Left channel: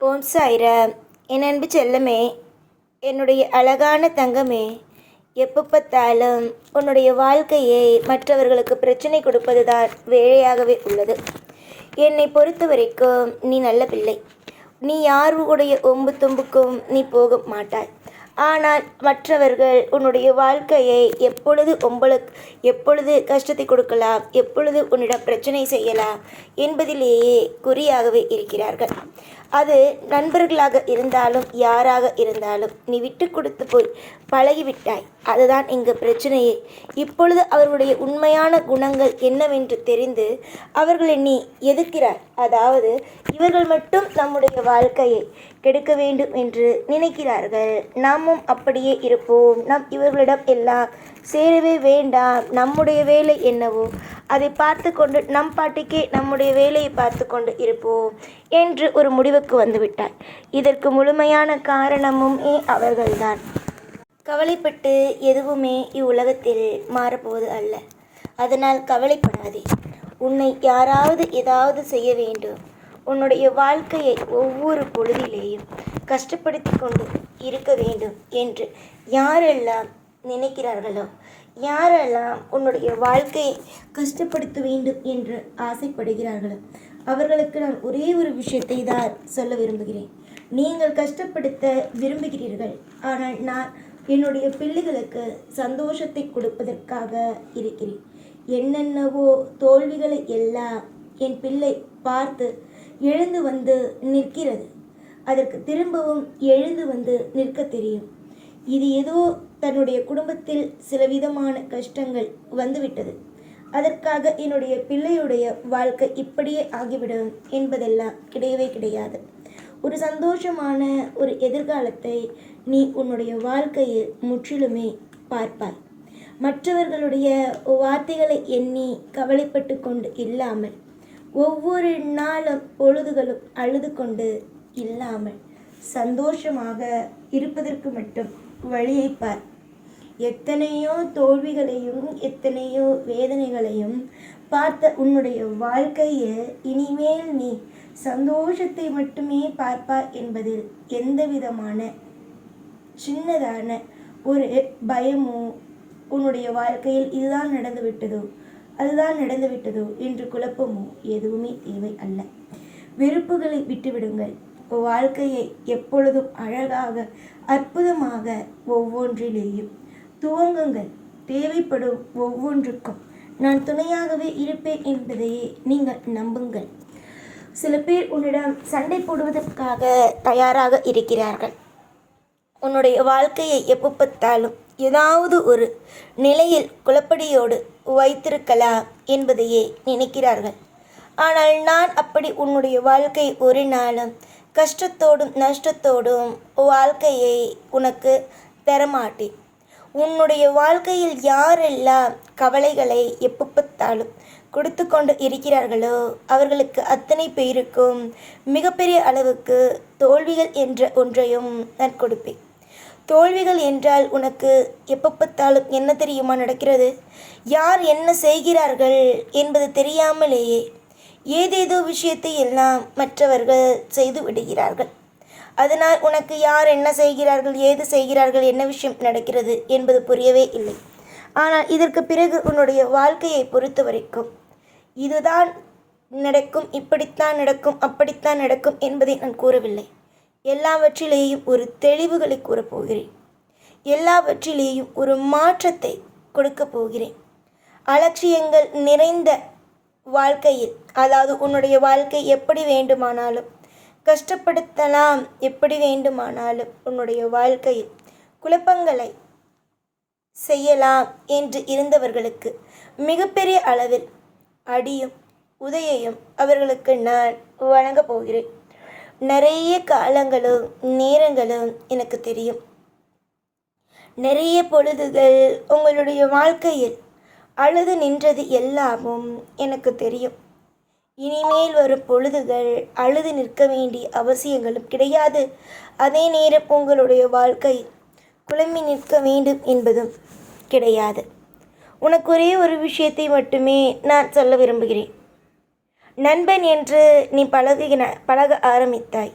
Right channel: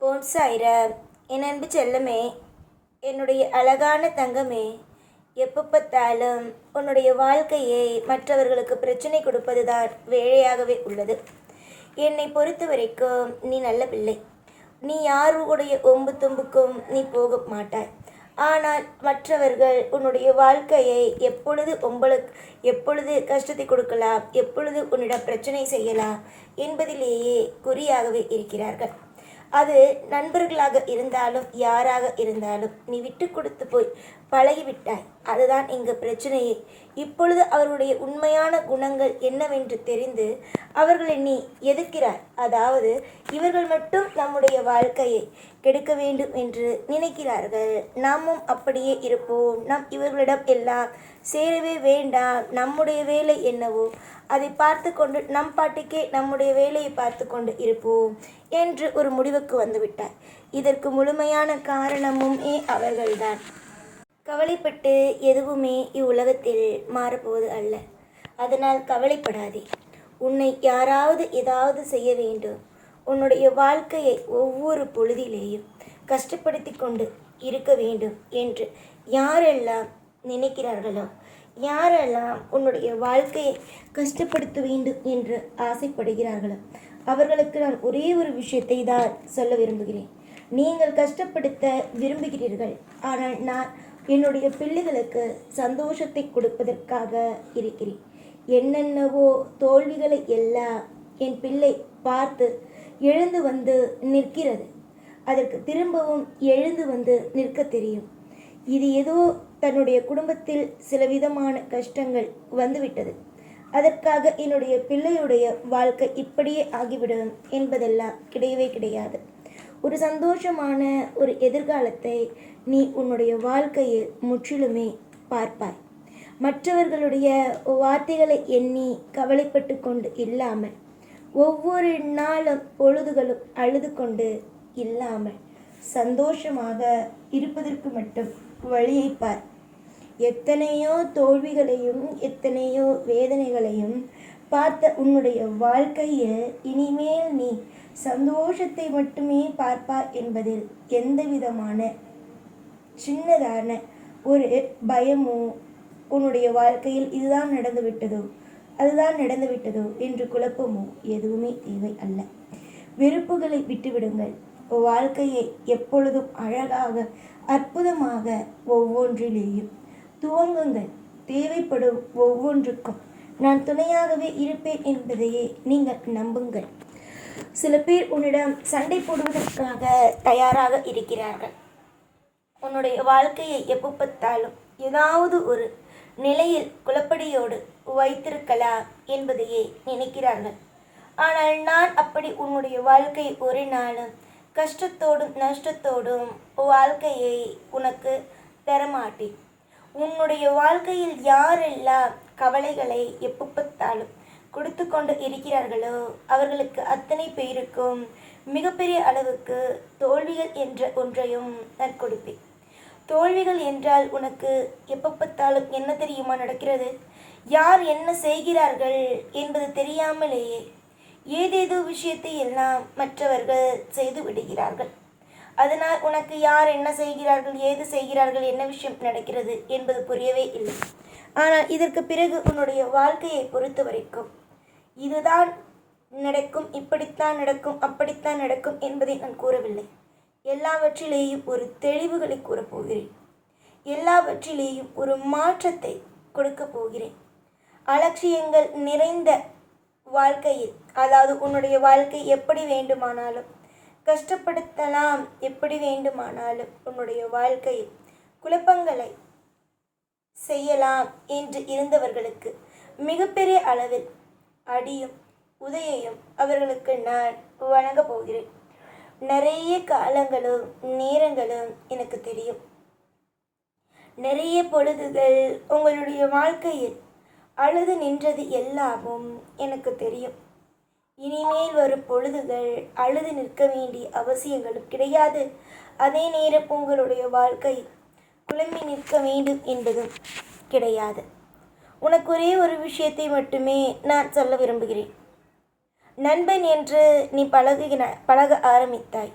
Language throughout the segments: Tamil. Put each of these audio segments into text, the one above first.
ஓம் சாய்ராம். என் அன்பு செல்லமே, என்னுடைய அழகான தங்கமே, எப்போ பார்த்தாலும் உன்னுடைய வாழ்க்கையை மற்றவர்களுக்கு பிரச்சனை கொடுப்பது தான் வேலையாகவே உள்ளது. என்னை பொறுத்த வரைக்கும் நீ நல்ல பிள்ளை. நீ யாருடைய ஒம்பு தும்புக்கும் நீ போக மாட்டாய். ஆனால் மற்றவர்கள் உன்னுடைய வாழ்க்கையை எப்பொழுது கஷ்டத்தை கொடுக்கலாம், எப்பொழுது உன்னிடம் பிரச்சனை செய்யலாம் என்பதிலேயே குறியாகவே இருக்கிறார்கள். அது நண்பர்களாக இருந்தாலும் யாராக இருந்தாலும் நீ விட்டு கொடுத்து போய் பழகிவிட்டாய். அதுதான் இங்கு பிரச்சனையே. இப்பொழுது அவர்களுடைய உண்மையான குணங்கள் என்னவென்று தெரிந்து அவர்களை நீ எதிர்க்கிறாய். அதாவது இவர்கள் மட்டும் நம்முடைய வாழ்க்கையை கெடுக்க வேண்டும் என்று நினைக்கிறார்கள். நாமும் அப்படியே இருப்போம். நாம் இவர்களிடம் எல்லாம் சேரவே வேண்டாம். நம்முடைய வேலை என்னவோ அதை பார்த்து கொண்டு நம் பாட்டுக்கே நம்முடைய வேலையை பார்த்து கொண்டு இருப்போம் என்று ஒரு முடிவுக்கு வந்துவிட்டார். இதற்கு முழுமையான காரணமும் அவர்கள்தான். கவலைப்பட்டு எதுவுமே இவ்வுலகத்தில் மாறப்போவது அல்ல. அதனால் கவலைப்படாதே. உன்னை யாராவது ஏதாவது செய்ய வேண்டும். உன்னுடைய வாழ்க்கையை ஒவ்வொரு பொழுதிலேயும் கஷ்டப்படுத்தி கொண்டு இருக்க வேண்டும் என்று யாரெல்லாம் நினைக்கிறார்களோ, யாரெல்லாம் உன்னுடைய வாழ்க்கையை கஷ்டப்படுத்த வேண்டும் என்று ஆசைப்படுகிறார்களோ அவர்களுக்கு நான் ஒரே ஒரு விஷயத்தை தான் சொல்ல விரும்புகிறேன். நீங்கள் கஷ்டப்படுத்த விரும்புகிறீர்கள், ஆனால் நான் என்னுடைய பிள்ளைகளுக்கு சந்தோஷத்தை கொடுப்பதற்காக இருக்கிறேன். என்னென்னவோ தோல்விகளை எல்லாம் என் பிள்ளை பார்த்து எழுந்து வந்து நிற்கிறது. அதற்கு திரும்பவும் எழுந்து வந்து நிற்க தெரியும். இது ஏதோ தன்னுடைய குடும்பத்தில் சில விதமான கஷ்டங்கள் வந்துவிட்டது, அதற்காக என்னுடைய பிள்ளையுடைய வாழ்க்கை இப்படியே ஆகிவிடும் என்பதெல்லாம் கிடையவே கிடையாது. ஒரு சந்தோஷமான ஒரு எதிர்காலத்தை நீ உன்னுடைய வாழ்க்கையில் முற்றிலுமே பார்ப்பாய். மற்றவர்களுடைய வார்த்தைகளை எண்ணி கவலைப்பட்டு கொண்டு இல்லாமல், ஒவ்வொரு நாளும் பொழுதுகளும் அழுது கொண்டு இல்லாமல் சந்தோஷமாக இருப்பதற்கு மட்டும் வழியை பார். எத்தனையோ தோல்விகளையும் எத்தனையோ வேதனைகளையும் பார்த்த உன்னுடைய வாழ்க்கையில் இனிமேல் நீ சந்தோஷத்தை மட்டுமே பார்ப்பாய் என்பதில் எந்த விதமான சின்னதான ஒரு பயமோ, உன்னுடைய வாழ்க்கையில் இதுதான் நடந்துவிட்டதோ அதுதான் நடந்துவிட்டதோ என்று குழப்பமோ எதுவுமே தேவை அல்ல. வெறுப்புகளை விட்டுவிடுங்கள். வாழ்க்கையை எப்பொழுதும் அழகாக அற்புதமாக ஒவ்வொன்றிலேயும் துவங்குங்கள். தேவைப்படும் ஒவ்வொன்றுக்கும் நான் துணையாகவே இருப்பேன் என்பதையே நீங்கள் நம்புங்கள். சில பேர் உன்னிடம் சண்டை போடுவதற்காக தயாராக இருக்கிறார்கள். உன்னுடைய வாழ்க்கையை எப்போ பார்த்தாலும் ஏதாவது ஒரு நிலையில் குழப்படியோடு வைத்திருக்கலாம் என்பதையே நினைக்கிறார்கள். ஆனால் நான் அப்படி உன்னுடைய வாழ்க்கை ஒரு நாளும் கஷ்டத்தோடும் நஷ்டத்தோடும் வாழ்க்கையை உனக்கு தரமாட்டேன். உன்னுடைய வாழ்க்கையில் யாரெல்லாம் கவலைகளை எப்போ பார்த்தாலும் கொடுத்து கொண்டு இருக்கிறார்களோ அவர்களுக்கு அத்தனை பேருக்கும் மிகப்பெரிய அளவுக்கு தோல்விகள் என்ற ஒன்றையும் நான் கொடுப்பேன். தோல்விகள் என்றால் உனக்கு எப்போ பார்த்தாலும் என்ன தெரியுமா நடக்கிறது? யார் என்ன செய்கிறார்கள் என்பது தெரியாமலேயே ஏதேதோ விஷயத்தை எல்லாம் மற்றவர்கள் செய்து விடுகிறார்கள். அதனால் உனக்கு யார் என்ன செய்கிறார்கள், ஏது செய்கிறார்கள், என்ன விஷயம் நடக்கிறது என்பது புரியவே இல்லை. ஆனால் இதற்கு பிறகு உன்னுடைய வாழ்க்கையை பொறுத்த வரைக்கும் இதுதான் நடக்கும், இப்படித்தான் நடக்கும், அப்படித்தான் நடக்கும் என்பதை நான் கூறவில்லை. எல்லாவற்றிலேயும் ஒரு தெளிவுகளை கூறப்போகிறேன். எல்லாவற்றிலேயும் ஒரு மாற்றத்தை கொடுக்க போகிறேன். அலட்சியங்கள் நிறைந்த வாழ்க்கையில், அதாவது உன்னுடைய வாழ்க்கை எப்படி வேண்டுமானாலும் கஷ்டப்படுத்தலாம், எப்படி வேண்டுமானாலும் உன்னுடைய வாழ்க்கையில் குழப்பங்களை செய்யலாம் என்று இருந்தவர்களுக்கு மிகப்பெரிய அளவில் அடியும் உதையையும் அவர்களுக்கு நான் வழங்கப் போகிறேன். நிறைய காலங்களும் நேரங்களும் எனக்கு தெரியும். நிறைய பொழுதுகள் உங்களுடைய வாழ்க்கையில் அழுது நின்றது எல்லாமும் எனக்கு தெரியும். இனிமேல் வரும் பொழுதுகள் அழுது நிற்க வேண்டிய அவசியங்களும் கிடையாது. அதே நேரம் உங்களுடைய வாழ்க்கை குழம்பி நிற்க வேண்டும் என்பதும் கிடையாது. உனக்கு ஒரே ஒரு விஷயத்தை மட்டுமே நான் சொல்ல விரும்புகிறேன். நண்பன் என்று நீ பழக ஆரம்பித்தாய்.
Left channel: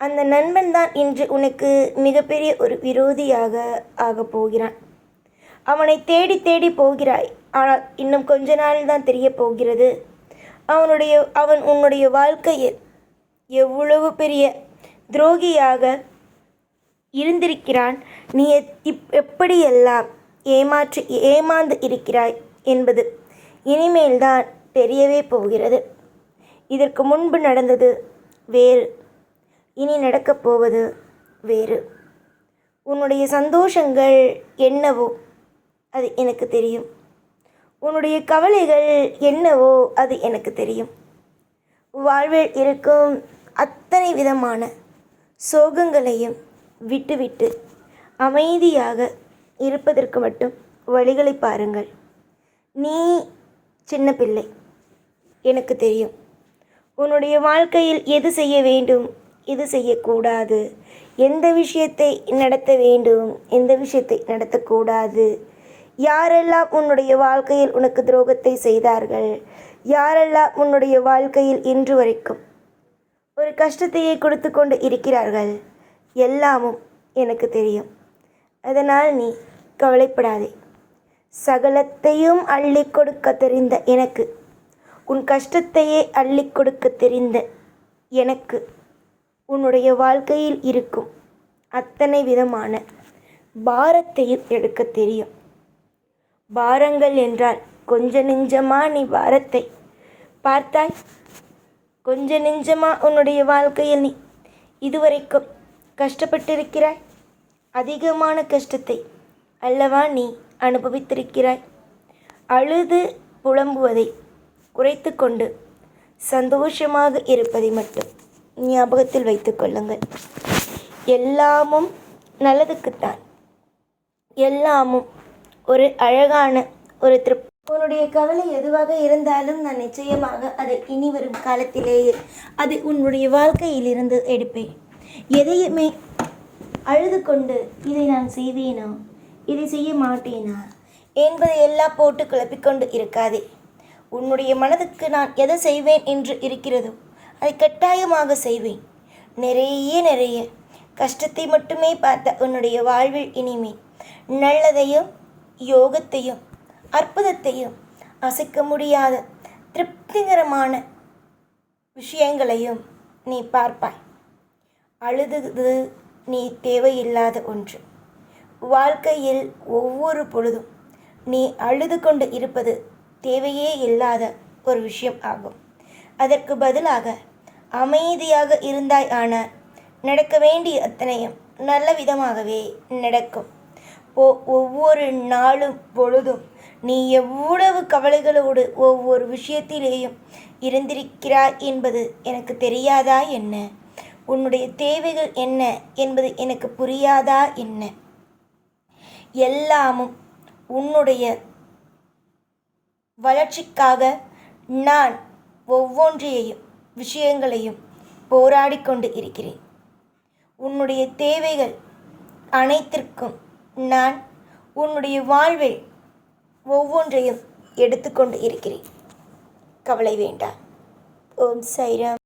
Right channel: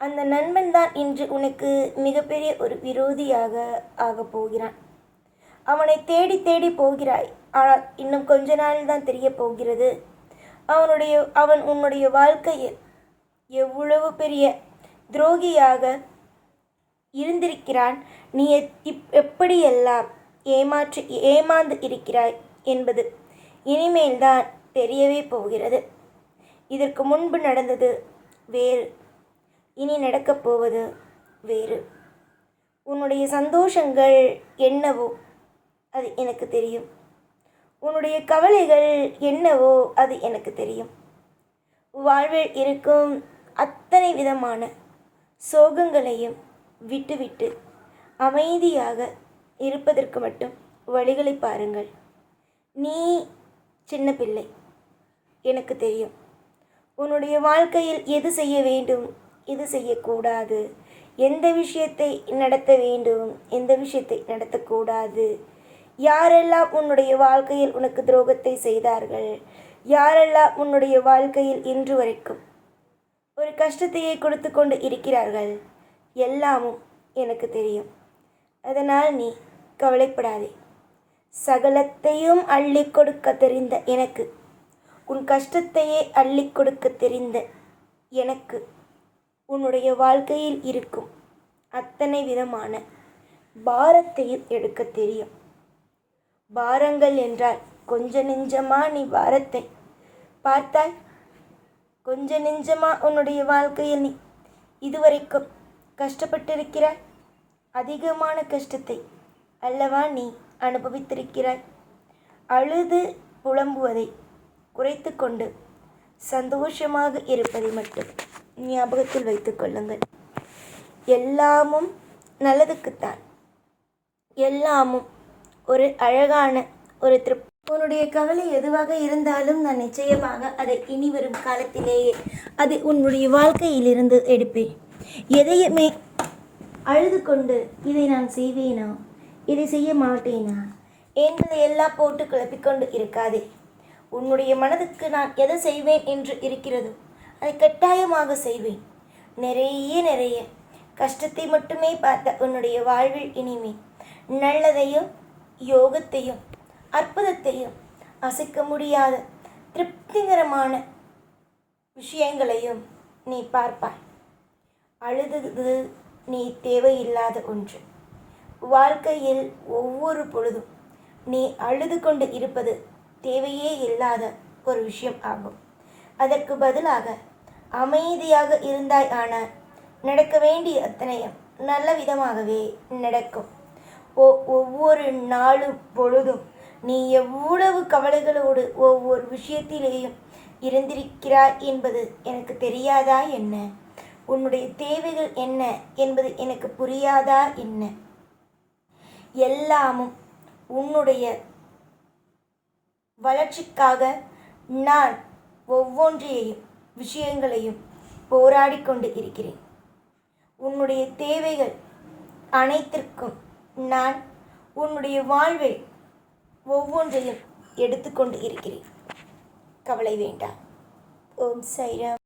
அந்த நண்பன் தான் இன்று உனக்கு மிகப்பெரிய ஒரு விரோதியாக ஆகப் போகிறான். அவனை தேடி தேடி போகிறாய். ஆனால் இன்னும் கொஞ்ச நாள் தான் தெரிய போகிறது அவன் உன்னுடைய வாழ்க்கையில் எவ்வளவு பெரிய துரோகியாக இருந்திருக்கிறான். நீ எப்படியெல்லாம் ஏமாந்து இருக்கிறாய் என்பது இனிமேல்தான் தெரியவே போகிறது. இதற்கு முன்பு நடந்தது வேறு, இனி நடக்கப் போவது வேறு. உன்னுடைய சந்தோஷங்கள் என்னவோ அது எனக்கு தெரியும். உன்னுடைய கவலைகள் என்னவோ அது எனக்கு தெரியும். வாழ்வில் இருக்கும் அத்தனை விதமான சோகங்களையும் விட்டுவிட்டு அமைதியாக இருப்பதற்கு மட்டும் வழிகளை பாருங்கள். நீ சின்ன பிள்ளை, எனக்கு தெரியும். உன்னுடைய வாழ்க்கையில் எது செய்ய வேண்டும், எது செய்யக்கூடாது, எந்த விஷயத்தை நடத்த வேண்டும், எந்த விஷயத்தை நடத்தக்கூடாது, யாரெல்லாம் உன்னுடைய வாழ்க்கையில் உனக்கு துரோகத்தை செய்தார்கள், யாரெல்லாம் உன்னுடைய வாழ்க்கையில் இன்று வரைக்கும் ஒரு கஷ்டத்தையே கொடுத்து கொண்டு இருக்கிறார்கள், எல்லாமும் எனக்கு தெரியும். அதனால் நீ கவலைப்படாதே. சகலத்தையும் அள்ளி கொடுக்க தெரிந்த எனக்கு, உன் கஷ்டத்தையே அள்ளி கொடுக்க தெரிந்த எனக்கு, உன்னுடைய வாழ்க்கையில் இருக்கும் அத்தனை விதமான பாரத்தையும் எடுக்க தெரியும். பாரங்கள் என்றால் கொஞ்ச நெஞ்சமா நீ பாரத்தை பார்த்தாய்? கொஞ்ச நெஞ்சமா உன்னுடைய வாழ்க்கையில் நீ இதுவரைக்கும் கஷ்டப்பட்டிருக்கிறாய்? அதிகமான கஷ்டத்தை அல்லவா நீ அனுபவித்திருக்கிறாய். அழுது புலம்புவதை குறைத்து கொண்டு சந்தோஷமாக இருப்பதை மட்டும் ஞாபகத்தில் வைத்து கொள்ளுங்கள். எல்லாமும் நல்லதுக்குத்தான். எல்லாமும் ஒரு அழகான ஒரு உன்னுடைய கவலை எதுவாக இருந்தாலும் நான் நிச்சயமாக அதை இனி வரும் காலத்திலேயே அதை உன்னுடைய வாழ்க்கையிலிருந்து எடுப்பேன். எதையுமே அழுது கொண்டு இதை நான் செய்வேனா, இதை செய்ய மாட்டேனா என்பதை எல்லாம் போட்டு குழப்பிக்கொண்டு இருக்காதே. உன்னுடைய மனதுக்கு நான் எதை செய்வேன் என்று இருக்கிறதோ அதை கட்டாயமாக செய்வேன். நிறைய கஷ்டத்தை மட்டுமே பார்த்த உன்னுடைய வாழ்வில் இனிமே நல்லதையும் யோகத்தையும் அற்புதத்தையும் அசைக்க முடியாத திருப்திகரமான விஷயங்களையும் நீ பார்ப்பாய். அழுது நீ தேவையில்லாத ஒன்று. வாழ்க்கையில் ஒவ்வொரு பொழுதும் நீ அழுது கொண்டு இருப்பது தேவையே இல்லாத ஒரு விஷயம் ஆகும். அதற்கு பதிலாக அமைதியாக இருந்தாய். ஆனால் நடக்க வேண்டிய அத்தனையும் நல்ல விதமாகவே நடக்கும். ஒவ்வொரு நாளும் பொழுதும் நீ எவ்வளவு கவலைகளோடு ஒவ்வொரு விஷயத்திலேயும் இருந்திருக்கிறாய் என்பது எனக்கு தெரியாதா என்ன? உன்னுடைய தேவைகள் என்ன என்பது எனக்கு புரியாதா என்ன? எல்லாமும் உன்னுடைய வளர்ச்சிக்காக நான் ஒவ்வொன்றையும் விஷயங்களையும் போராடி கொண்டு இருக்கிறேன். உன்னுடைய தேவைகள் அனைத்திற்கும் நான் உன்னுடைய வாழ்வில் ஒவ்வொன்றையும் எடுத்துக்கொண்டு இருக்கிறேன். கவலை வேண்டாம். ஓம் சாய்ராம்.